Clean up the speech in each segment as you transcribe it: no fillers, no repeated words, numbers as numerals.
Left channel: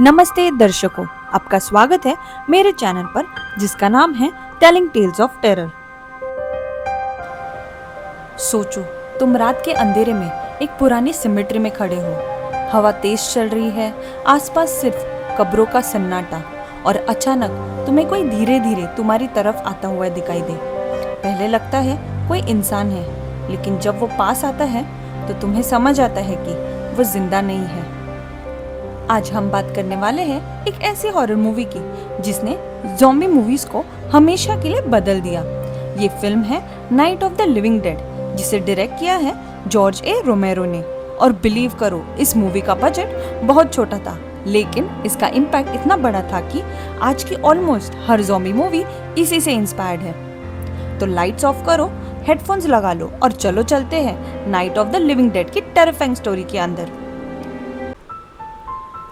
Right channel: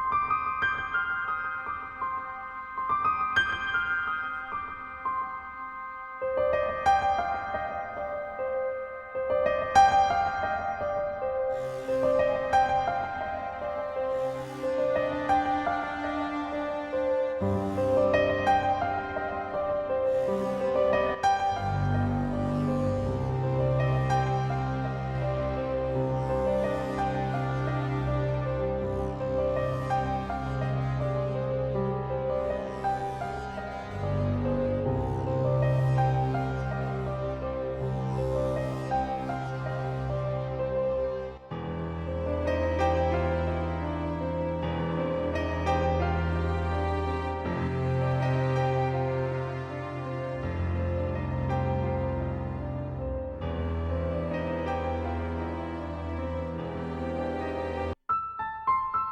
नमस्ते दर्शकों, आपका स्वागत है मेरे चैनल पर जिसका नाम है टेलिंग टेल्स ऑफ टेरर। सोचो, तुम रात के अंधेरे में एक पुरानी सिमेट्री में खड़े हो। हवा तेज चल रही है, आसपास सिर्फ कब्रों का सन्नाटा, और अचानक तुम्हें कोई धीरे धीरे तुम्हारी तरफ आता हुआ दिखाई दे। पहले लगता है कोई इंसान है, लेकिन जब वो पास आता है तो तुम्हें समझ आता है कि वो जिंदा नहीं है। आज हम बात करने वाले हैं एक ऐसी हॉरर मूवी की जिसने ज़ॉम्बी मूवीज को हमेशा के लिए बदल दिया। ये फिल्म है night of the living dead, जिसे डायरेक्ट किया है जॉर्ज ए रोमेरो ने। और बिलीव करो, इस मूवी का बजट बहुत छोटा था, लेकिन इसका इम्पैक्ट इतना बड़ा था कि आज की ऑलमोस्ट हर ज़ॉम्बी मूवी इसी से इंस्पायर्ड है। तो लाइट्स ऑफ करो, हेडफोन्स लगा लो और चलो चलते हैं night of the living dead की टेरिफाइंग स्टोरी के अंदर।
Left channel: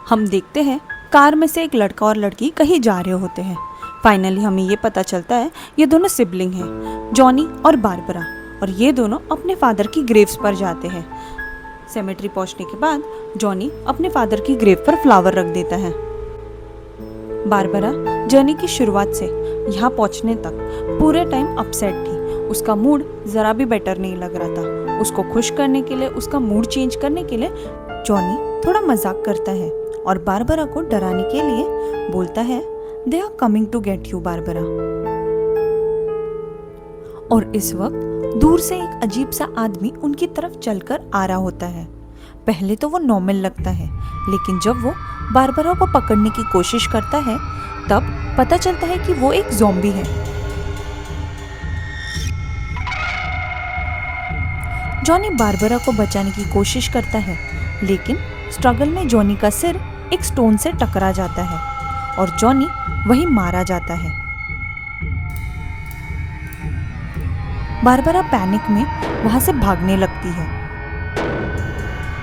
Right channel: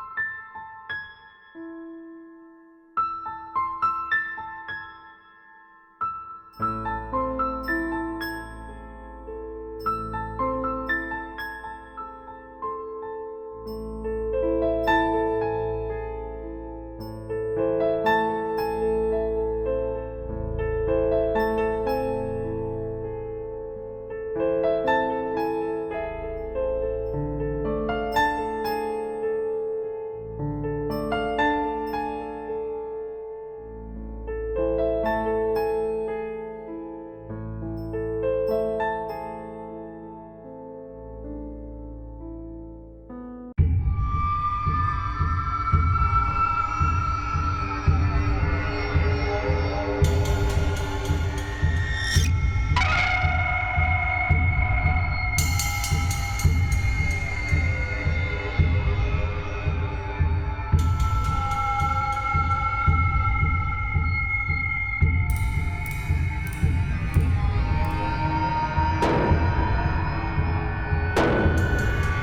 हम देखते हैं कार में से एक लड़का और लड़की कहीं जा रहे होते हैं। फाइनली हमें ये पता चलता है ये दोनों सिबलिंग हैं, जॉनी और बारबरा, और ये दोनों अपने फादर की ग्रेव्स पर जाते हैं। सेमेट्री पहुंचने के बाद जॉनी अपने फादर की ग्रेव पर फ्लावर रख देता है। बारबरा जर्नी की शुरुआत से यहाँ पहुंचने तक पूरे टाइम अपसेट थी। उसका मूड जरा भी बेटर नहीं लग रहा था। उसको खुश करने के लिए, उसका मूड चेंज करने के लिए जॉनी थोड़ा मजाक करता है और बारबरा को डराने के लिए बोलता है, they are coming to get you Barbara. और इस वक्त दूर से एक अजीब सा आदमी उनकी तरफ चलकर आ रहा होता है। पहले तो वो नॉर्मल लगता है, लेकिन जब वो बारबरा को पकड़ने की कोशिश करता है तब पता चलता है कि वो एक ज़ॉम्बी है। जॉनी बारबरा को बचाने की कोशिश करता है, लेकिन स्ट्रगल में जॉनी का सिर एक स्टोन से टकरा जाता है और जॉनी वहीं मारा जाता है। बारबरा पैनिक में वहां से भागने लगती है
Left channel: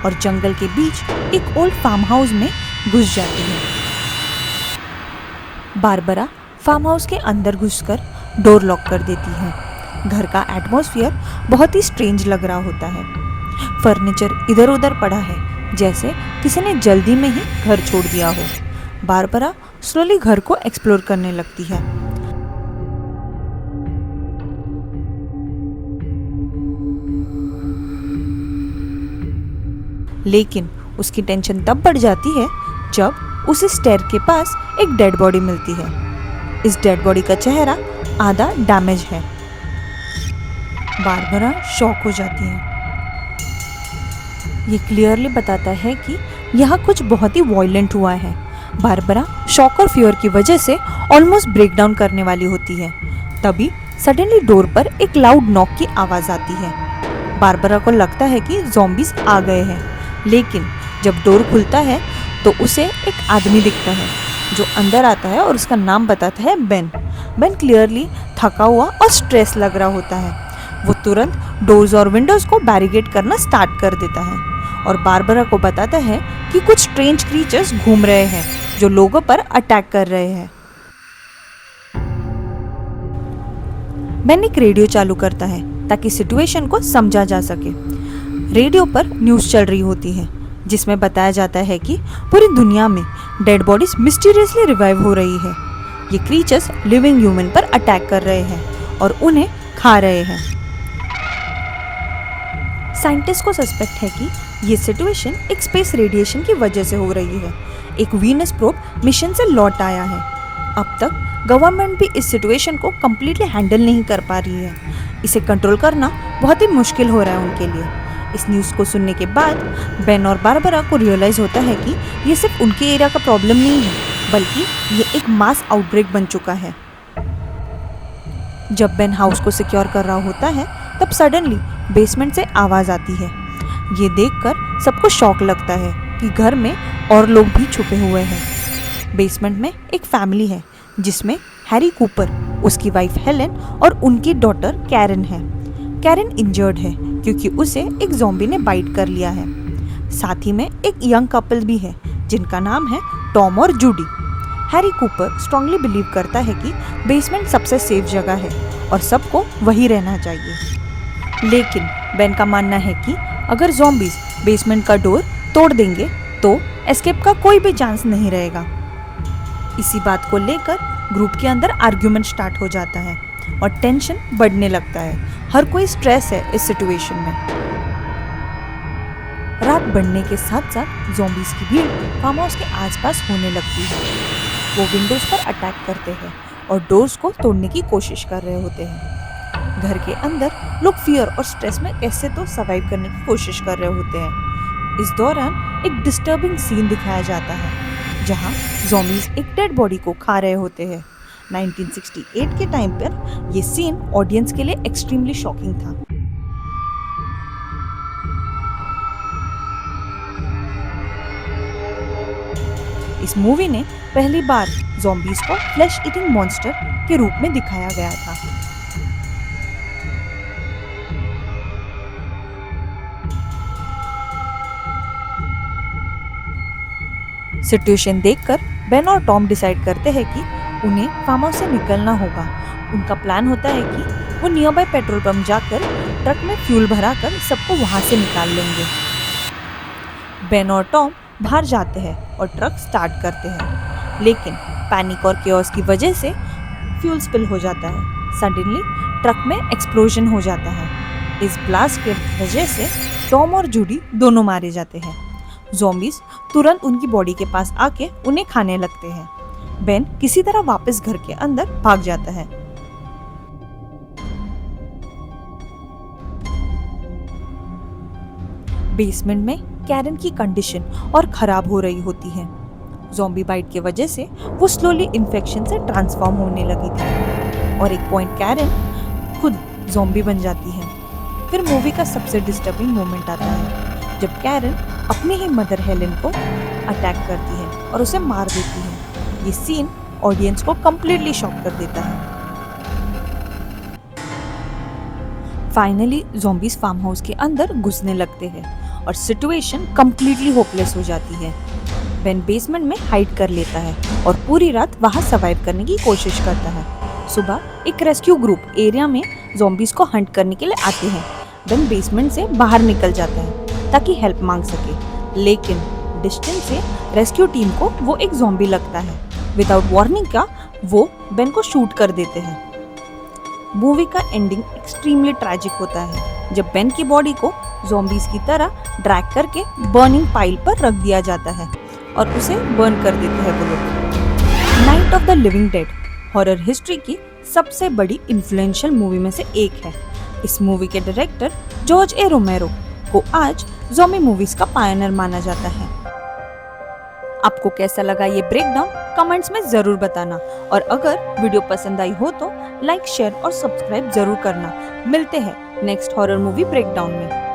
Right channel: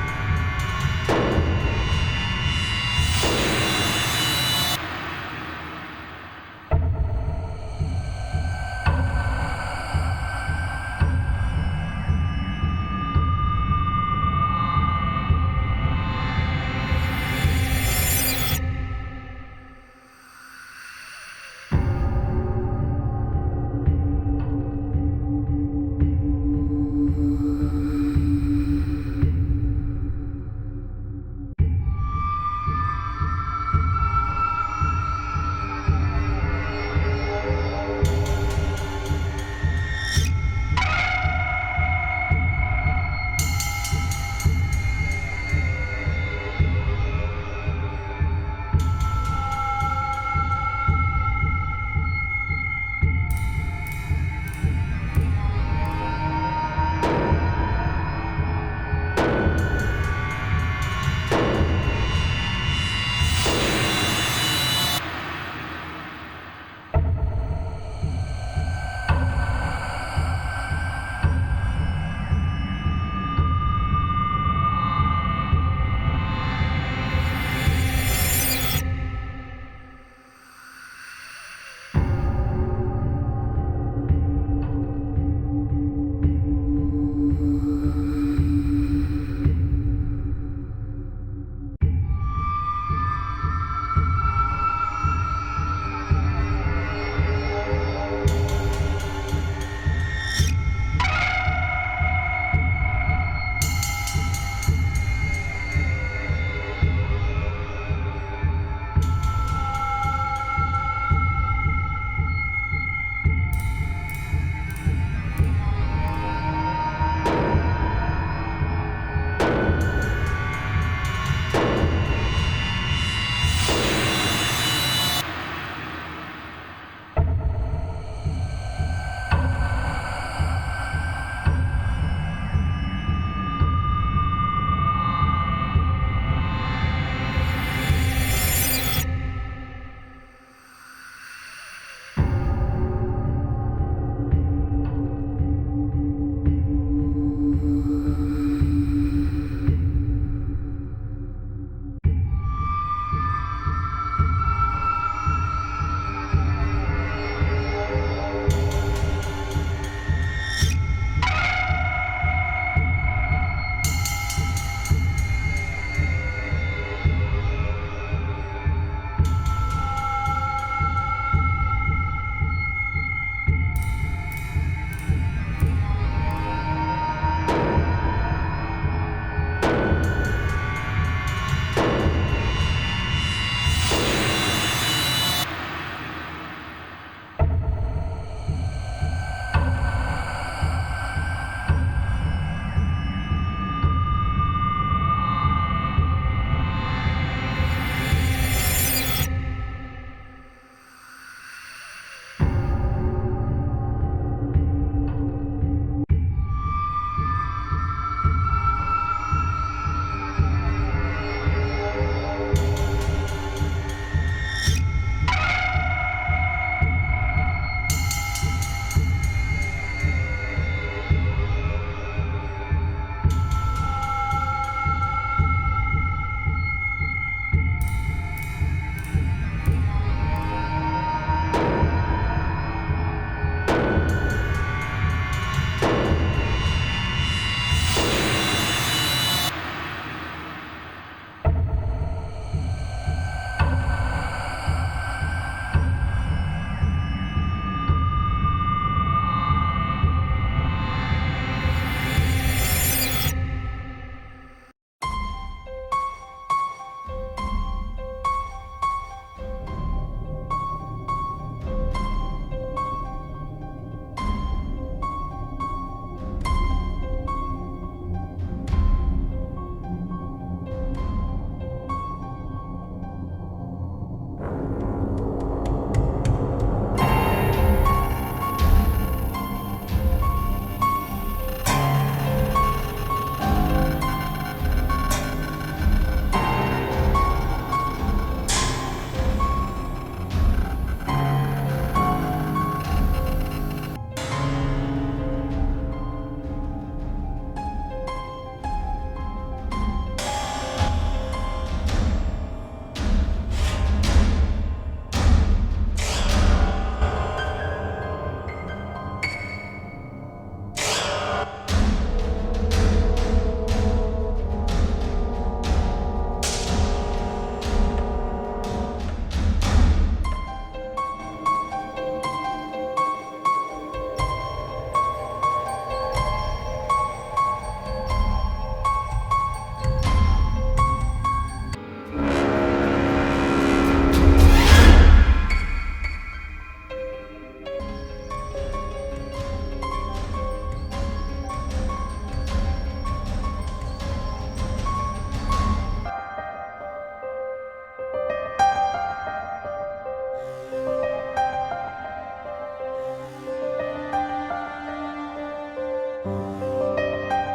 और जंगल के बीच एक ओल्ड फार्म हाउस में घुस जाती है। बारबरा फार्म हाउस के अंदर घुसकर डोर लॉक कर देती है। घर का एटमॉस्फेयर बहुत ही स्ट्रेंज लग रहा होता है। फर्नीचर इधर उधर पड़ा है, जैसे किसी ने जल्दी में ही घर छोड़ दिया हो। बारबरा स्लोली घर को एक्सप्लोर करने लगती है। लेकिन उसकी टेंशन तब बढ़ जाती है जब उसे स्टेयर के पास एक डेड बॉडी मिलती है। इस डेड बॉडी का चेहरा आधा डैमेज है। बारबरा शॉक हो जाती है। ये क्लियरली बताता है कि यहाँ कुछ बहुत ही वॉयलेंट हुआ है। बारबरा शॉक और फियर की वजह से ऑलमोस्ट ब्रेक डाउन करने वाली होती है। तभी सडनली डोर पर एक लाउड नॉक की आवाज आती है। बारबरा को लगता है कि ज़ॉम्बीज आ गए हैं, लेकिन जब डोर खुलता है तो उसे एक आदमी दिखता है जो अंदर आता है और उसका नाम बताता है बेन। बेन क्लियरली थका हुआ और स्ट्रेस लग रहा होता है। वो तुरंत डोर्स और विंडोज को बैरिकेड करना स्टार्ट कर देता है और बारबरा को बताता है कि कुछ स्ट्रेंज क्रीचर्स घूम रहे हैं जो लोगों पर अटैक कर रहे हैं। बेन एक रेडियो चालू करता है ताकि सिचुएशन को समझा जा सके। रेडियो पर न्यूज़ चल रही होती है जिसमें बताया जाता है कि पूरी दुनिया में डेड बॉडीज मिस्टीरियसली रिवाइव हो रही है। ये क्रीचर्स लिविंग ह्यूमन पर अटैक कर रहे हैं और उन्हें खा रहे हैं। साइंटिस्ट को सस्पेक्ट है कि ये सिचुएशन एक स्पेस रेडिएशन की वजह से हो रही है। एक वीनस प्रोब मिशन से लौट आया है। अब तक गवर्नमेंट भी इस सिचुएशन को कम्प्लीटली हैंडल नहीं कर पा रही है। इसे कंट्रोल करना बहुत ही मुश्किल हो रहा है उनके लिए। इस न्यूज़ को सुनने के बाद बेन और बारबरा को रियलाइज होता है कि ये सिर्फ उनके एरिया का प्रॉब्लम नहीं है, बल्कि ये एक मास आउटब्रेक बन चुका है। जब बेन हाउस को सिक्योर कर रहा होता है तब सडनली बेसमेंट से आवाज आती है। ये देखकर सबको शॉक लगता है कि घर में और लोग भी छुपे हुए हैं। बेसमेंट में एक फैमिली है जिसमें हैरी कूपर, उसकी वाइफ हेलेन और उनकी डॉटर कैरन है। कैरन इंजर्ड है क्योंकि उसे एक ज़ॉम्बी ने बाइट कर लिया है। साथ ही में एक यंग कपल भी है जिनका नाम है टॉम और Judy. Harry Cooper strongly believe करता है कि बेसमेंट सबसे सेफ जगह है और सबको वही रहना चाहिए। लेकिन बेन का मानना है कि अगर ज़ॉम्बीज बेसमेंट का डोर तोड़ देंगे तो एस्केप का कोई भी चांस नहीं रहेगा। इसी बात को लेकर ग्रुप के अंदर आर्ग्यूमेंट स्टार्ट हो जाता है और टेंशन बढ़ने लगता है। हर कोई स्ट्रेस है इस सिचुएशन में। रात बढ़ने के साथ साथ ज़ॉम्बीज की भीड़ फार्म हाउस के आसपास होने लगती है। वो विंडोज पर अटैक करते हैं और डोर्स को तोड़ने की कोशिश कर रहे होते हैं। घर के अंदर लोग फियर और स्ट्रेस में कैसे तो सर्वाइव करने की कोशिश कर रहे होते हैं। इस दौरान एक डिस्टर्बिंग सीन दिखाया जाता है जहां ज़ॉम्बीज एक डेड बॉडी को खा रहे होते हैं। 1968 के टाइम पर ये सीन ऑडियंस के लिए एक्सट्रीमली शॉकिंग था। इस मूवी ने पहली बार ज़ॉम्बीज को फ्लैश ईटिंग मॉन्स्टर के रूप में दिखाया गया था। सिचुएशन देखकर बेन और टॉम डिसाइड करते हैं कि उन्हें फार्म हाउस से निकलना होगा। उनका प्लान होता है कि वो नियर बाय पेट्रोल पंप जाकर ट्रक में फ्यूल भराकर सबको वहां से निकाल लेंगे। बेन और टॉम बाहर जाते हैं और ट्रक स्टार्ट करते हैं, लेकिन पैनिक और केओस की वजह से फ्यूल स्पिल हो जाता है। सडनली ट्रक में एक्सप्लोजन हो जाता है। इस ब्लास्ट के वजह से टॉम और जूडी दोनों मारे जाते हैं। ज़ॉम्बीज तुरंत उनकी बॉडी के पास आके उन्हें खाने लगते हैं। बेन किसी तरह वापस घर के अंदर भाग जाता है। बेसमेंट में कैरन की कंडीशन और खराब हो रही होती है। ज़ॉम्बी बाइट की वजह से वो स्लोली इन्फेक्शन से ट्रांसफॉर्म होने लगी थी और एक पॉइंट कैरन खुद ज़ॉम्बी बन जाती है। फिर मूवी का सबसे डिस्टर्बिंग मोमेंट आता है जब कैरन अपनी ही मदर हेलेन को अटैक करती है और उसे मार देती है। ये सीन ऑडियंस को कंप्लीटली शॉक कर देता है। फाइनली ज़ॉम्बीज फार्म हाउस के अंदर घुसने लगते हैं और सिचुएशन कंप्लीटली होपलेस हो जाती है। बेन बेसमेंट में हाइड कर लेता है और पूरी रात वहां सर्वाइव करने की कोशिश करता है। सुबह एक रेस्क्यू ग्रुप एरिया में ज़ॉम्बीज को हंट करने के लिए आती है। बेन बेसमेंट से बाहर निकल जाता है ताकि हेल्प मांग सके, लेकिन डिस्टेंस से रेस्क्यू टीम को वो एक ज़ॉम्बी लगता है। विदाउट वार्निंग का वो बेन को शूट कर देते हैं। मूवी का एंडिंग एक्सट्रीमली ट्रैजिक होता है जब बेन की बॉडी को ज़ॉम्बीज की तरह ड्रैग करके बर्निंग पाइल पर रख दिया जाता है और उसे बर्न कर देते हैं bullet. Night of the living dead horror history की सबसे बड़ी इन्फ्लुएंशियल मूवी में से एक है। इस मूवी के डायरेक्टर जॉर्ज ए रोमेरो को आज ज़ॉम्बी मूवीज का पायनियर माना जाता है। आपको कैसा लगा ये ब्रेकडाउन कमेंट्स में जरूर बताना और अगर वीडियो पसंद आई हो तो लाइक शेयर और सब्सक्राइब जरूर करना। मिलते हैं नेक्स्ट हॉरर मूवी ब्रेकडाउन में।